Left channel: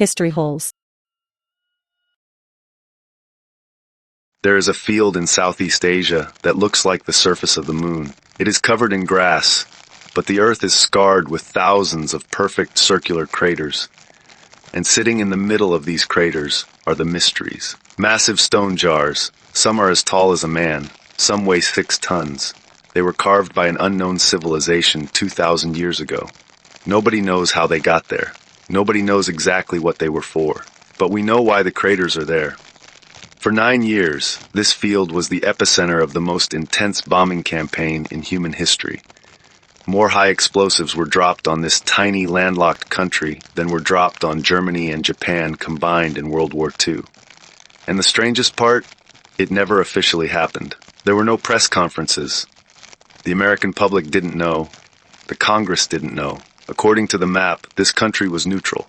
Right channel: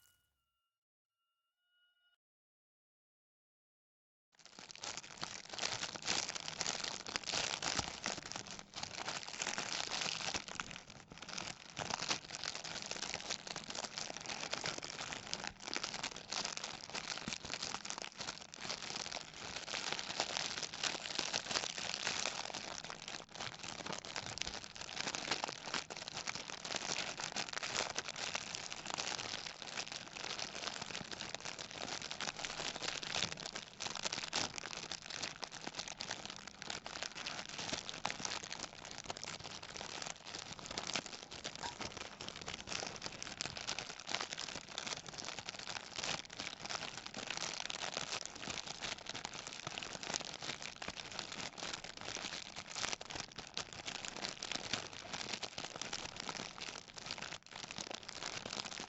History holes. There is a field in Southeast Asia that looks like the surface of the moon. It is covered in grass, but the earth is scarred with thousands of perfect circular craters. And sitting in the middle of these craters are the mysteries. Massive stone jars. Some are as tall as a man. Some weigh 6 tons. They were carved by an unknown civilization 2,000 years ago. Nobody knows how they got there. Nobody knows exactly what they were for. But we know why the craters are there. For 9 years, this field was the epicenter of the most intense bombing campaign in human history. More high explosives were dropped on this tiny landlocked country than were dropped on Germany and Japan combined in World War II. And the strangest part, it never officially happened. There were no press conferences. The American public didn't know. The Congress didn't know. According to the map, this country was neutral.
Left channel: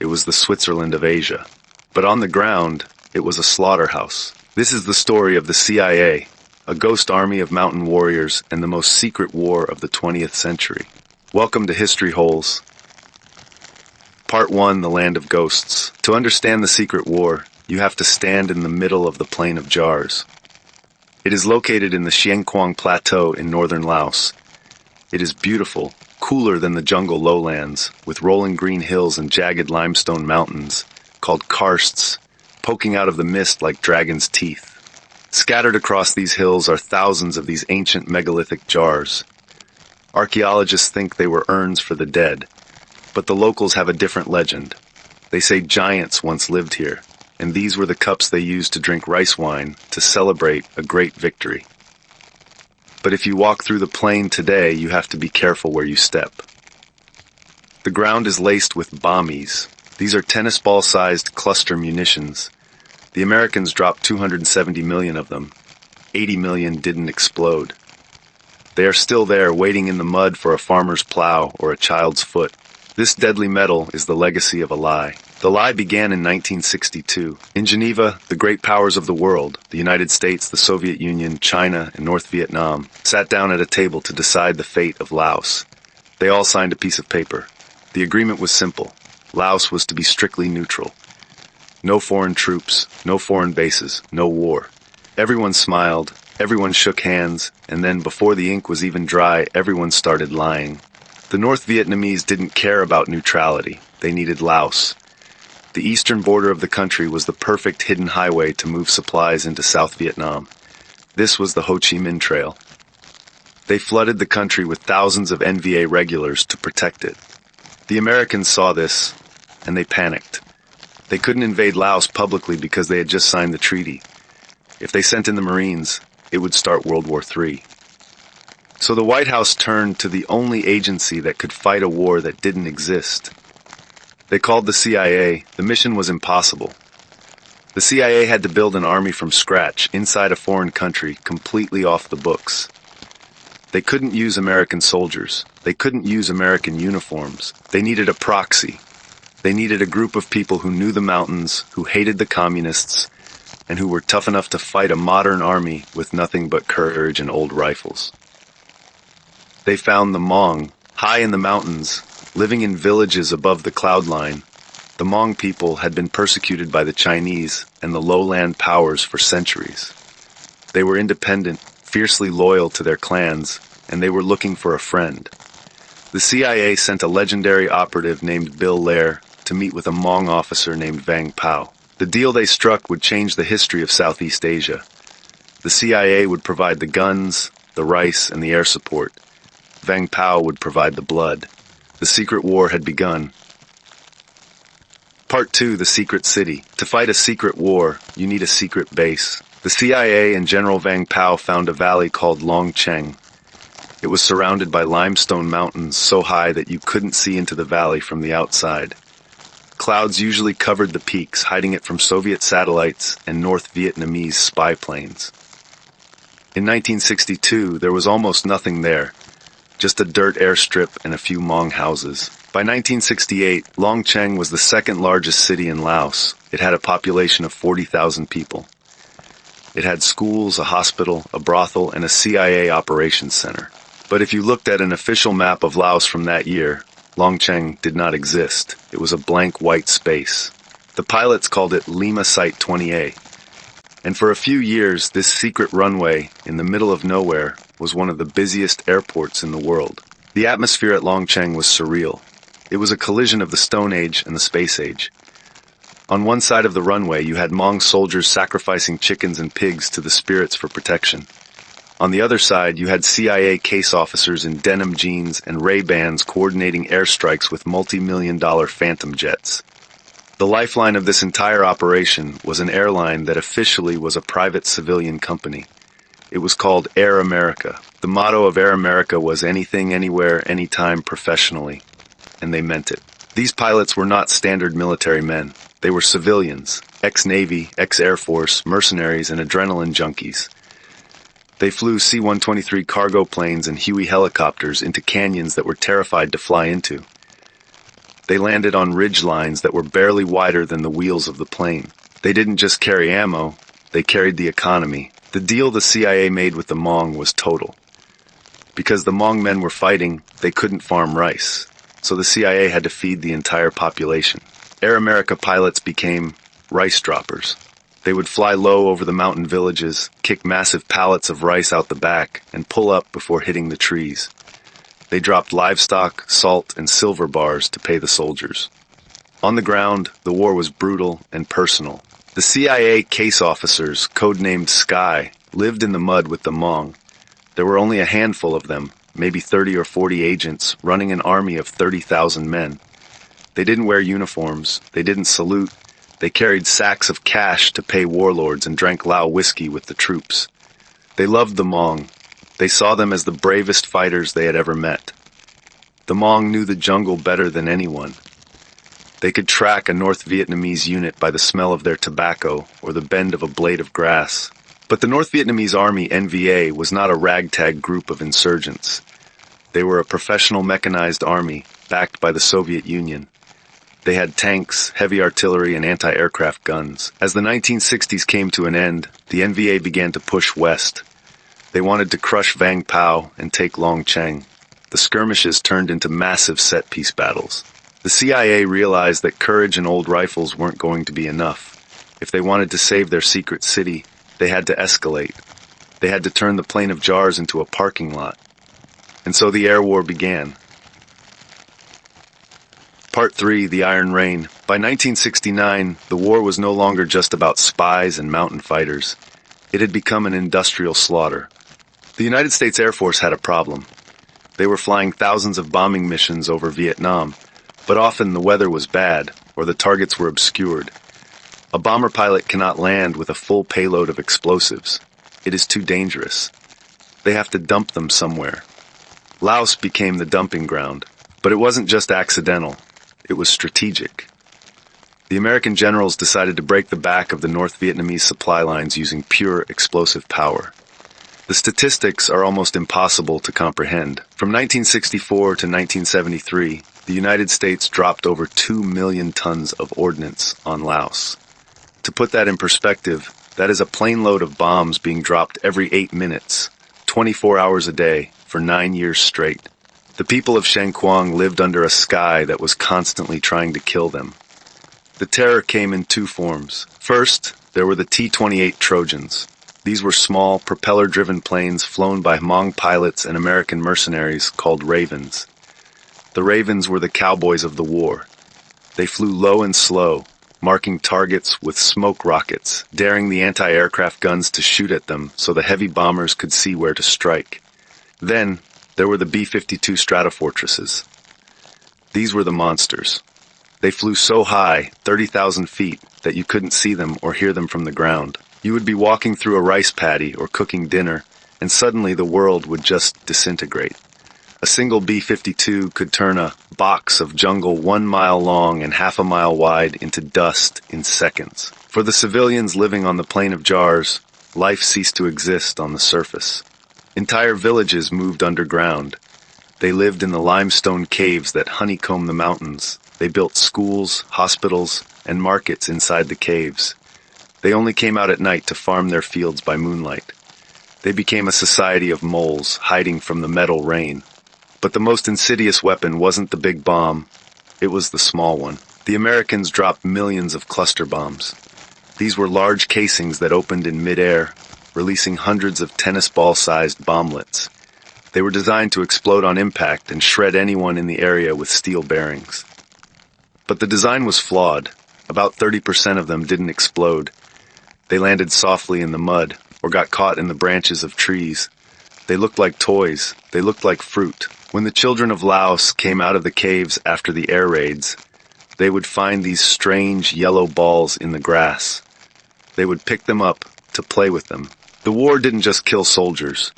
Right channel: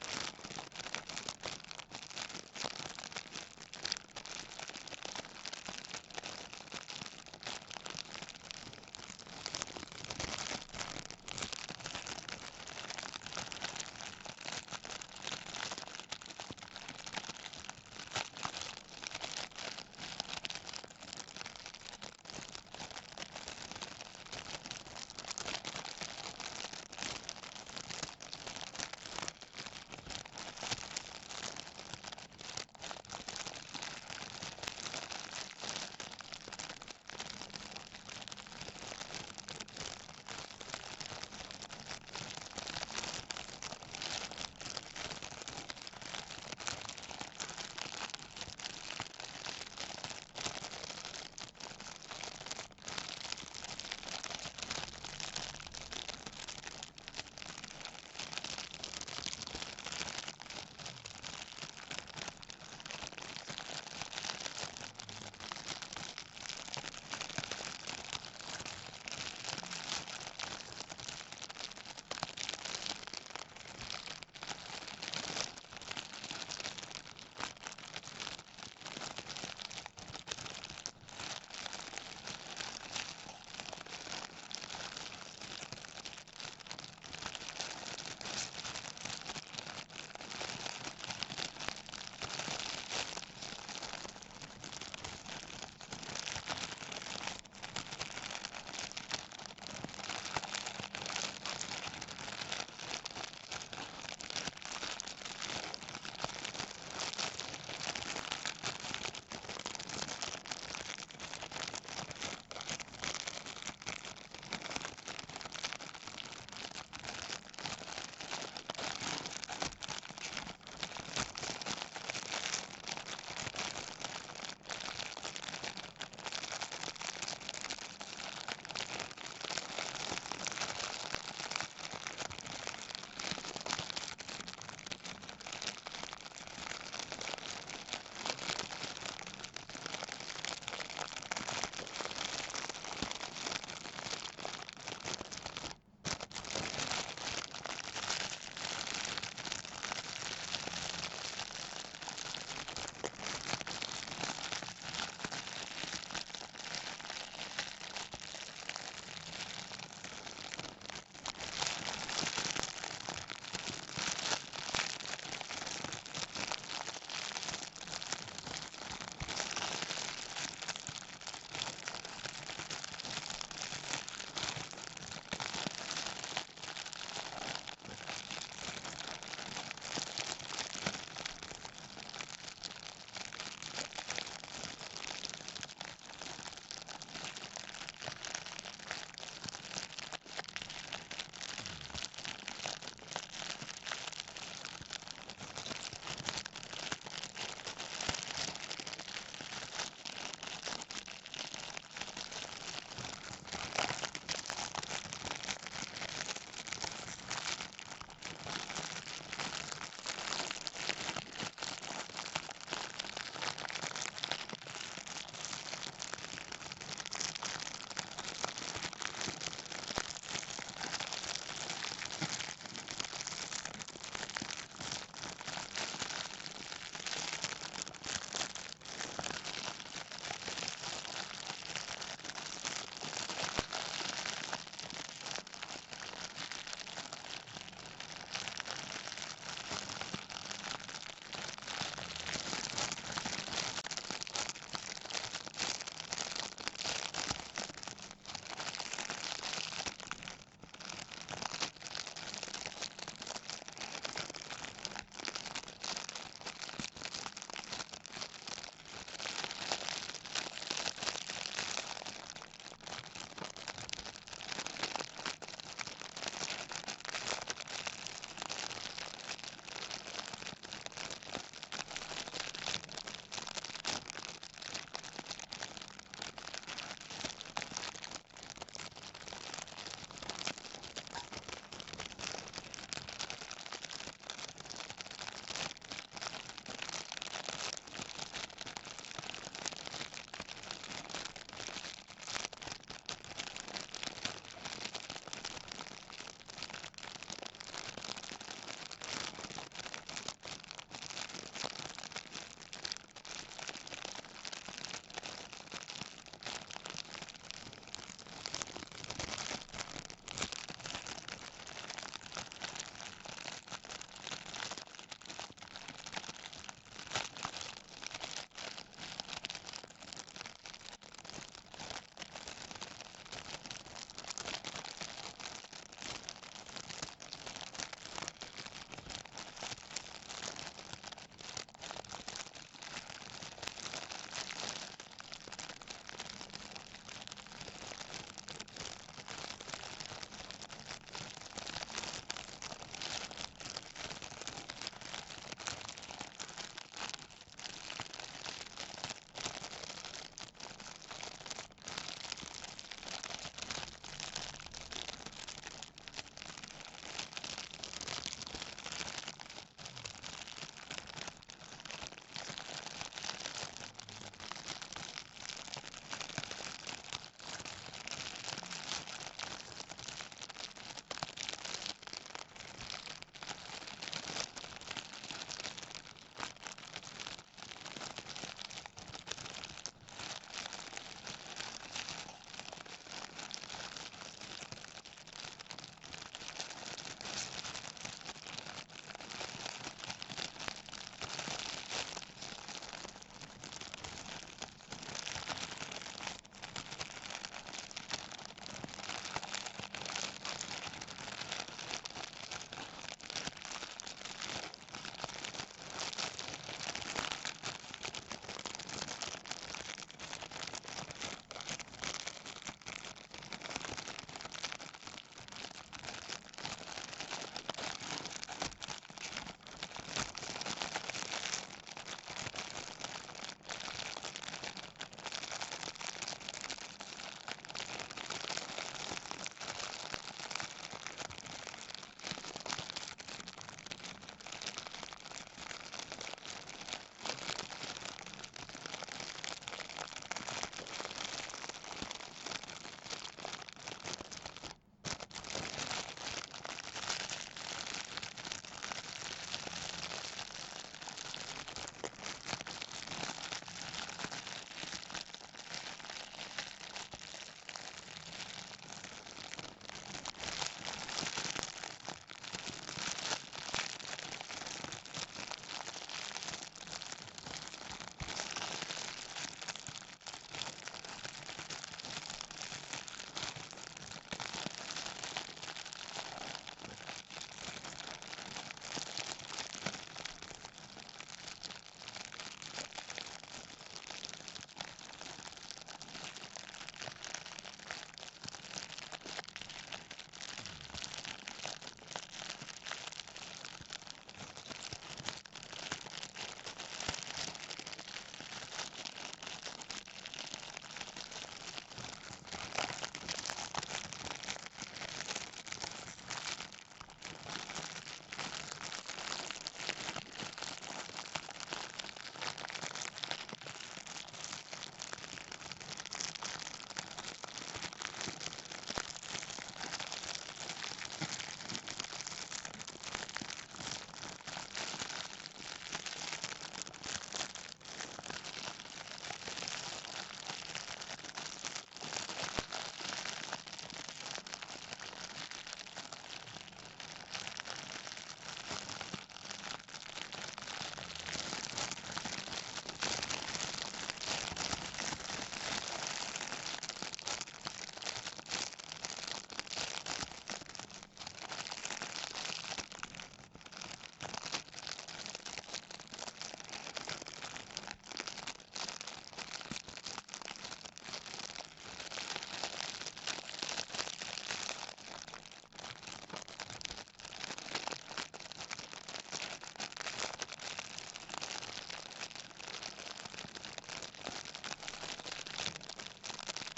It was the Switzerland of Asia. But on the ground, it was a slaughterhouse. This is the story of the CIA, a ghost army of mountain warriors and the most secret war of the 20th century. Welcome to History Holes. Part 1, The Land of Ghosts. To understand the secret war, you have to stand in the middle of the Plain of Jars. It is located in the Xieng Quang Plateau in northern Laos. It is beautiful, cooler than the jungle lowlands, with rolling green hills and jagged limestone mountains, called karsts, poking out of the mist like dragon's teeth. Scattered across these hills are thousands of these ancient megalithic jars. Archaeologists think they were urns for the dead, but the locals have a different legend. They say giants once lived here, and these were the cups they used to drink rice wine to celebrate a great victory. But if you walk through the plain today, you have to be careful where you step. The ground is laced with bommies. These are tennis ball-sized cluster munitions. The Americans dropped 270 million of them. 80 million didn't explode. They are still there, waiting in the mud for a farmer's plow or a child's foot. This deadly metal is the legacy of a lie. The lie began in 1962. In Geneva, the great powers of the world, the United States, the Soviet Union, China, and North Vietnam, sat down at a table to decide the fate of Laos. They all signed a piece of paper. The agreement was simple. Laos was to be strictly neutral. No foreign troops, no foreign bases, no war. Everyone smiled, everyone shook hands, and then before the ink was even dry, everyone started lying. The North Vietnamese didn't care about neutrality. They needed Laos. The eastern border of the country was the perfect hidden highway to move supplies into South Vietnam. This was the Ho Chi Minh Trail. They flooded the country with thousands of NVA regulars to protect it. The Americans saw this, and they panicked. They couldn't invade Laos publicly because they had just signed the treaty. If they sent in the Marines, it would start World War III. So the White House turned to the only agency that could fight a war that didn't exist. They called the CIA. The mission was impossible. The CIA had to build an army from scratch inside a foreign country, completely off the books. They couldn't use American soldiers. They couldn't use American uniforms. They needed a proxy. They needed a group of people who knew the mountains, who hated the communists, and who were tough enough to fight a modern army with nothing but courage and old rifles. They found the Hmong, high in the mountains, living in villages above the cloud line. The Hmong people had been persecuted by the Chinese and the lowland powers for centuries. They were independent, fiercely loyal to their clans, and they were looking for a friend. The CIA sent a legendary operative named Bill Lair to meet with a Hmong officer named Vang Pao. The deal they struck would change the history of Southeast Asia. The CIA would provide the guns, the rice, and the air support. Vang Pao would provide the blood. The secret war had begun. Part 2, The Secret City. To fight a secret war, you need a secret base. The CIA and General Vang Pao found a valley called Long Cheng. It was surrounded by limestone mountains so high that you couldn't see into the valley from the outside. Clouds usually covered the peaks, hiding it from Soviet satellites and North Vietnamese spy planes. In 1962, there was almost nothing there. Just a dirt airstrip and a few Hmong houses. By 1968, Long Cheng was the second largest city in Laos. It had a population of 40,000 people. It had schools, a hospital, a brothel, and a CIA operations center. But if you looked at an official map of Laos from that year, Longcheng did not exist. It was a blank white space. The pilots called it Lima Site 20A. And for a few years, this secret runway in the middle of nowhere was one of the busiest airports in the world. The atmosphere at Longcheng was surreal. It was a collision of the Stone Age and the Space Age. On one side of the runway, you had Hmong soldiers sacrificing chickens and pigs to the spirits for protection. On the other side, you had CIA case officers in denim jeans and Ray-Bans coordinating airstrikes with multi-million-dollar Phantom jets. The lifeline of this entire operation was an airline that officially was a private civilian company. It was called Air America. The motto of Air America was anything, anywhere, anytime, professionally. And they meant it. These pilots were not standard military men. They were civilians, ex-Navy, ex-Air Force, mercenaries, and adrenaline junkies. They flew C-123 cargo planes and Huey helicopters into canyons that were terrified to fly into. They landed on ridge lines that were barely wider than the wheels of the plane. They didn't just carry ammo, they carried the economy. The deal the CIA made with the Hmong was total. Because the Hmong men were fighting, they couldn't farm rice, so the CIA had to feed the entire population. Air America pilots became rice droppers. They would fly low over the mountain villages, kick massive pallets of rice out the back, and pull up before hitting the trees. They dropped livestock, salt, and silver bars to pay the soldiers. On the ground, the war was brutal and personal. The CIA case officers, codenamed Sky, lived in the mud with the Hmong. There were only a handful of them, maybe 30 or 40 agents, running an army of 30,000 men. They didn't wear uniforms, they didn't salute, they carried sacks of cash to pay warlords and drank Lao whiskey with the troops. They loved the Hmong. They saw them as the bravest fighters they had ever met. The Hmong knew the jungle better than anyone. They could track a North Vietnamese unit by the smell of their tobacco or the bend of a blade of grass. But the North Vietnamese Army, NVA, was not a ragtag group of insurgents. They were a professional mechanized army backed by the Soviet Union. They had tanks, heavy artillery, and anti-aircraft guns. As the 1960s came to an end, the NVA began to push west. They wanted to crush Vang Pao and take Longcheng. The skirmishes turned into massive set-piece battles. The CIA realized that courage and old rifles weren't going to be enough. If they wanted to save their secret city, they had to escalate. They had to turn the Plain of Jars into a parking lot. And so the air war began. Part 3, The Iron Rain. By 1969, the war was no longer just about spies and mountain fighters. It had become an industrial slaughter. The United States Air Force had a problem. They were flying thousands of bombing missions over Vietnam, but often the weather was bad or the targets were obscured. A bomber pilot cannot land with a full payload of explosives. It is too dangerous. They have to dump them somewhere. Laos became the dumping ground, but it wasn't just accidental. It was strategic. The American generals decided to break the back of the North Vietnamese supply lines using pure explosive power. The statistics are almost impossible to comprehend. From 1964 to 1973, the United States dropped over 2 million tons of ordnance on Laos. To put that in perspective, that is a plane load of bombs being dropped every 8 minutes, 24 hours a day, for 9 years straight. The people of Shangquang lived under a sky that was constantly trying to kill them. The terror came in two forms. First, there were the T-28 Trojans. These were small, propeller-driven planes flown by Hmong pilots and American mercenaries called Ravens. The Ravens were the cowboys of the war. They flew low and slow, marking targets with smoke rockets, daring the anti-aircraft guns to shoot at them so the heavy bombers could see where to strike. Then, there were the B-52 Stratofortresses. These were the monsters. They flew so high, 30,000 feet, that you couldn't see them or hear them from the ground. You would be walking through a rice paddy or cooking dinner, and suddenly the world would just disintegrate. A single B-52 could turn a box of jungle 1 mile long and half a mile wide into dust in seconds. For the civilians living on the Plain of Jars, life ceased to exist on the surface. Entire villages moved underground. They lived in the limestone caves that honeycomb the mountains. They built schools, hospitals, and markets inside the caves. They only came out at night to farm their fields by moonlight. They became a society of moles hiding from the metal rain. But the most insidious weapon wasn't the big bomb, it was the small one. The Americans dropped millions of cluster bombs. These were large casings that opened in midair, releasing hundreds of tennis ball-sized bomblets. They were designed to explode on impact and shred anyone in the area with steel bearings. But the design was flawed. About 30% of them didn't explode. They landed softly in the mud or got caught in the branches of trees. They looked like toys. They looked like fruit. When the children of Laos came out of the caves after the air raids, they would find these strange yellow balls in the grass. They would pick them up to play with them. The war didn't just kill soldiers.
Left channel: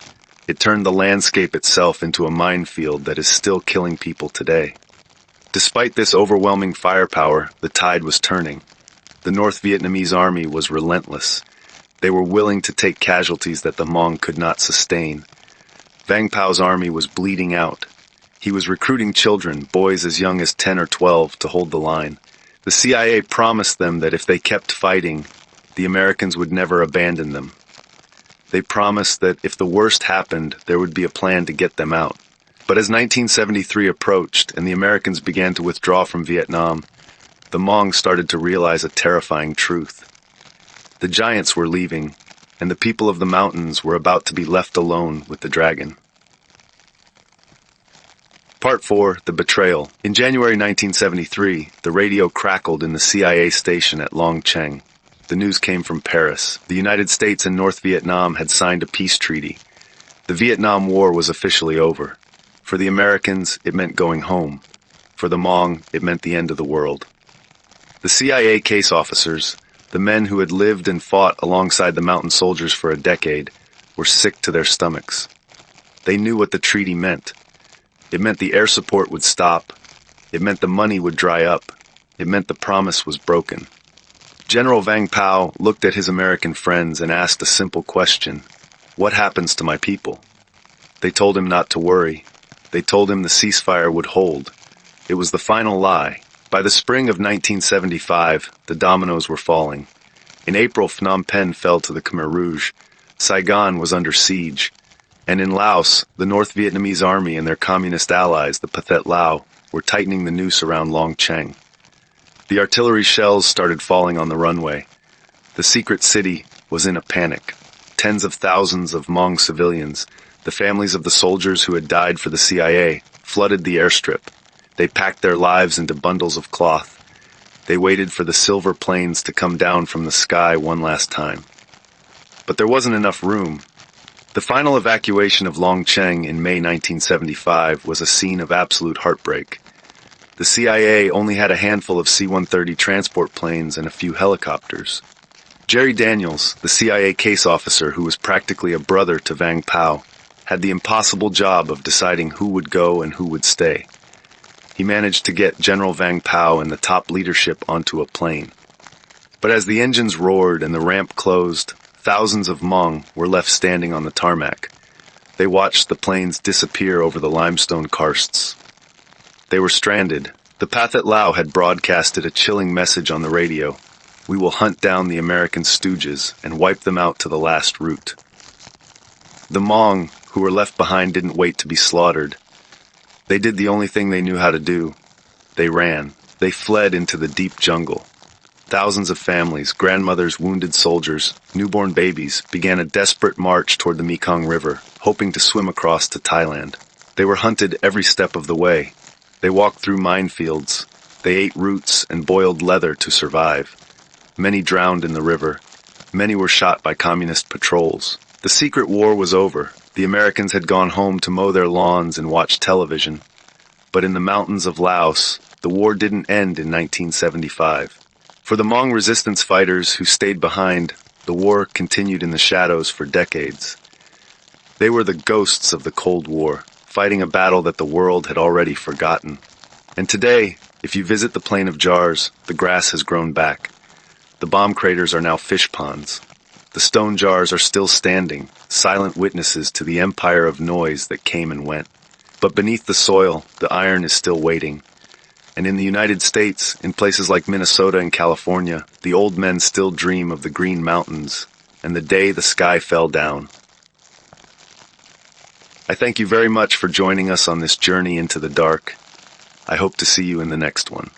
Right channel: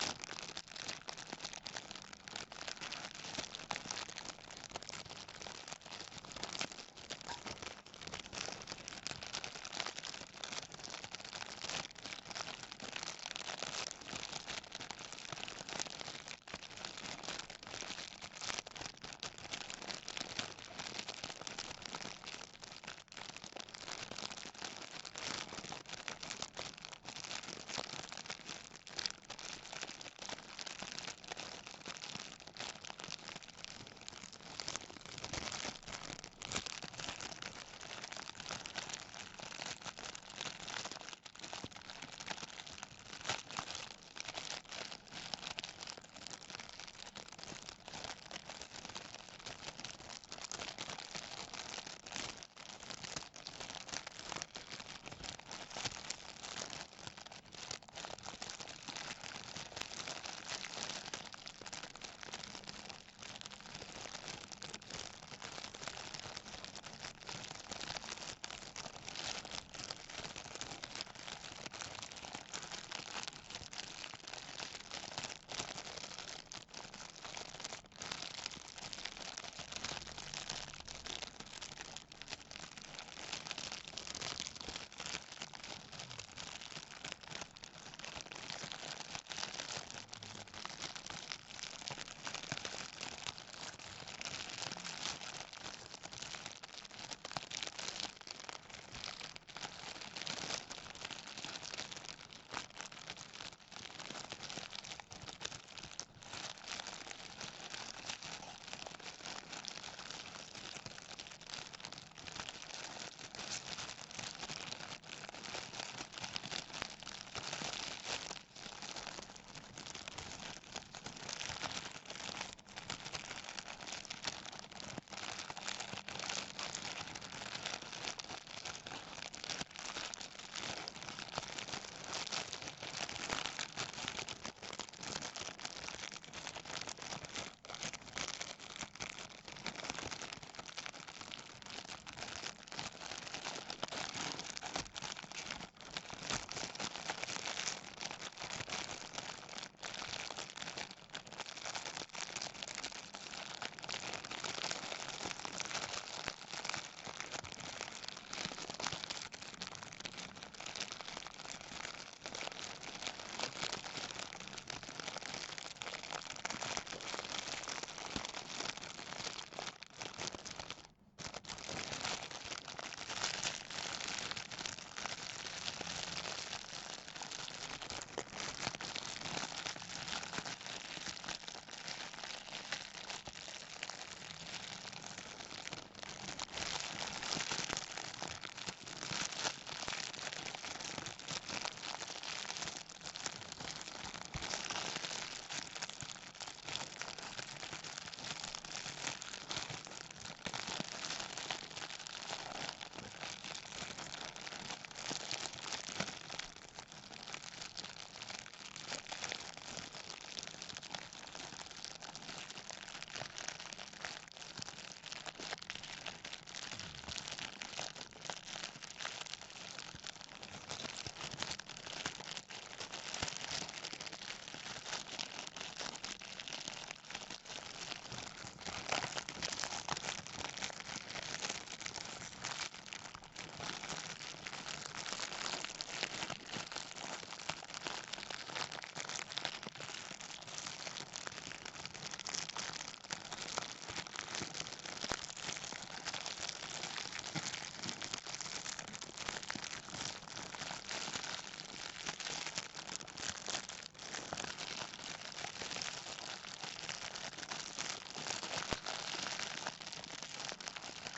It turned the landscape itself into a minefield that is still killing people today. Despite this overwhelming firepower, the tide was turning. The North Vietnamese Army was relentless. They were willing to take casualties that the Hmong could not sustain. Vang Pao's army was bleeding out. He was recruiting children, boys as young as 10 or 12, to hold the line. The CIA promised them that if they kept fighting, the Americans would never abandon them. They promised that if the worst happened, there would be a plan to get them out. But as 1973 approached and the Americans began to withdraw from Vietnam, the Hmong started to realize a terrifying truth. The giants were leaving, and the people of the mountains were about to be left alone with the dragon. Part 4, The Betrayal. In January 1973, the radio crackled in the CIA station at Long Cheng. The news came from Paris. The United States and North Vietnam had signed a peace treaty. The Vietnam War was officially over. For the Americans, it meant going home. For the Hmong, it meant the end of the world. The CIA case officers, the men who had lived and fought alongside the mountain soldiers for a decade, were sick to their stomachs. They knew what the treaty meant. It meant the air support would stop. It meant the money would dry up. It meant the promise was broken. General Vang Pao looked at his American friends and asked a simple question. What happens to my people? They told him not to worry. They told him the ceasefire would hold. It was the final lie. By the spring of 1975, the dominoes were falling. In April, Phnom Penh fell to the Khmer Rouge. Saigon was under siege. And in Laos, the North Vietnamese Army and their communist allies, the Pathet Lao, were tightening the noose around Long Cheng. The artillery shells started falling on the runway. The secret city was in a panic. Tens of thousands of Hmong civilians, the families of the soldiers who had died for the CIA, flooded the airstrip. They packed their lives into bundles of cloth. They waited for the silver planes to come down from the sky one last time. But there wasn't enough room. The final evacuation of Long Cheng in May 1975 was a scene of absolute heartbreak. The CIA only had a handful of C-130 transport planes and a few helicopters. Jerry Daniels, the CIA case officer who was practically a brother to Vang Pao, had the impossible job of deciding who would go and who would stay. He managed to get General Vang Pao and the top leadership onto a plane. But as the engines roared and the ramp closed, thousands of Hmong were left standing on the tarmac. They watched the planes disappear over the limestone karsts. They were stranded. The Pathet Lao had broadcasted a chilling message on the radio. We will hunt down the American stooges and wipe them out to the last root. The Hmong, who were left behind, didn't wait to be slaughtered. They did the only thing they knew how to do. They ran. They fled into the deep jungle. Thousands of families, grandmothers, wounded soldiers, newborn babies, began a desperate march toward the Mekong River, hoping to swim across to Thailand. They were hunted every step of the way. They walked through minefields. They ate roots and boiled leather to survive. Many drowned in the river. Many were shot by communist patrols. The secret war was over. The Americans had gone home to mow their lawns and watch television. But in the mountains of Laos, the war didn't end in 1975. For the Hmong resistance fighters who stayed behind, the war continued in the shadows for decades. They were the ghosts of the Cold War, fighting a battle that the world had already forgotten. And today, if you visit the Plain of Jars, the grass has grown back. The bomb craters are now fish ponds. The stone jars are still standing, silent witnesses to the empire of noise that came and went. But beneath the soil, the iron is still waiting. And in the United States, in places like Minnesota and California, the old men still dream of the green mountains and the day the sky fell down. I I thank you very much for joining us on this journey into the dark. I hope to see you in the next one.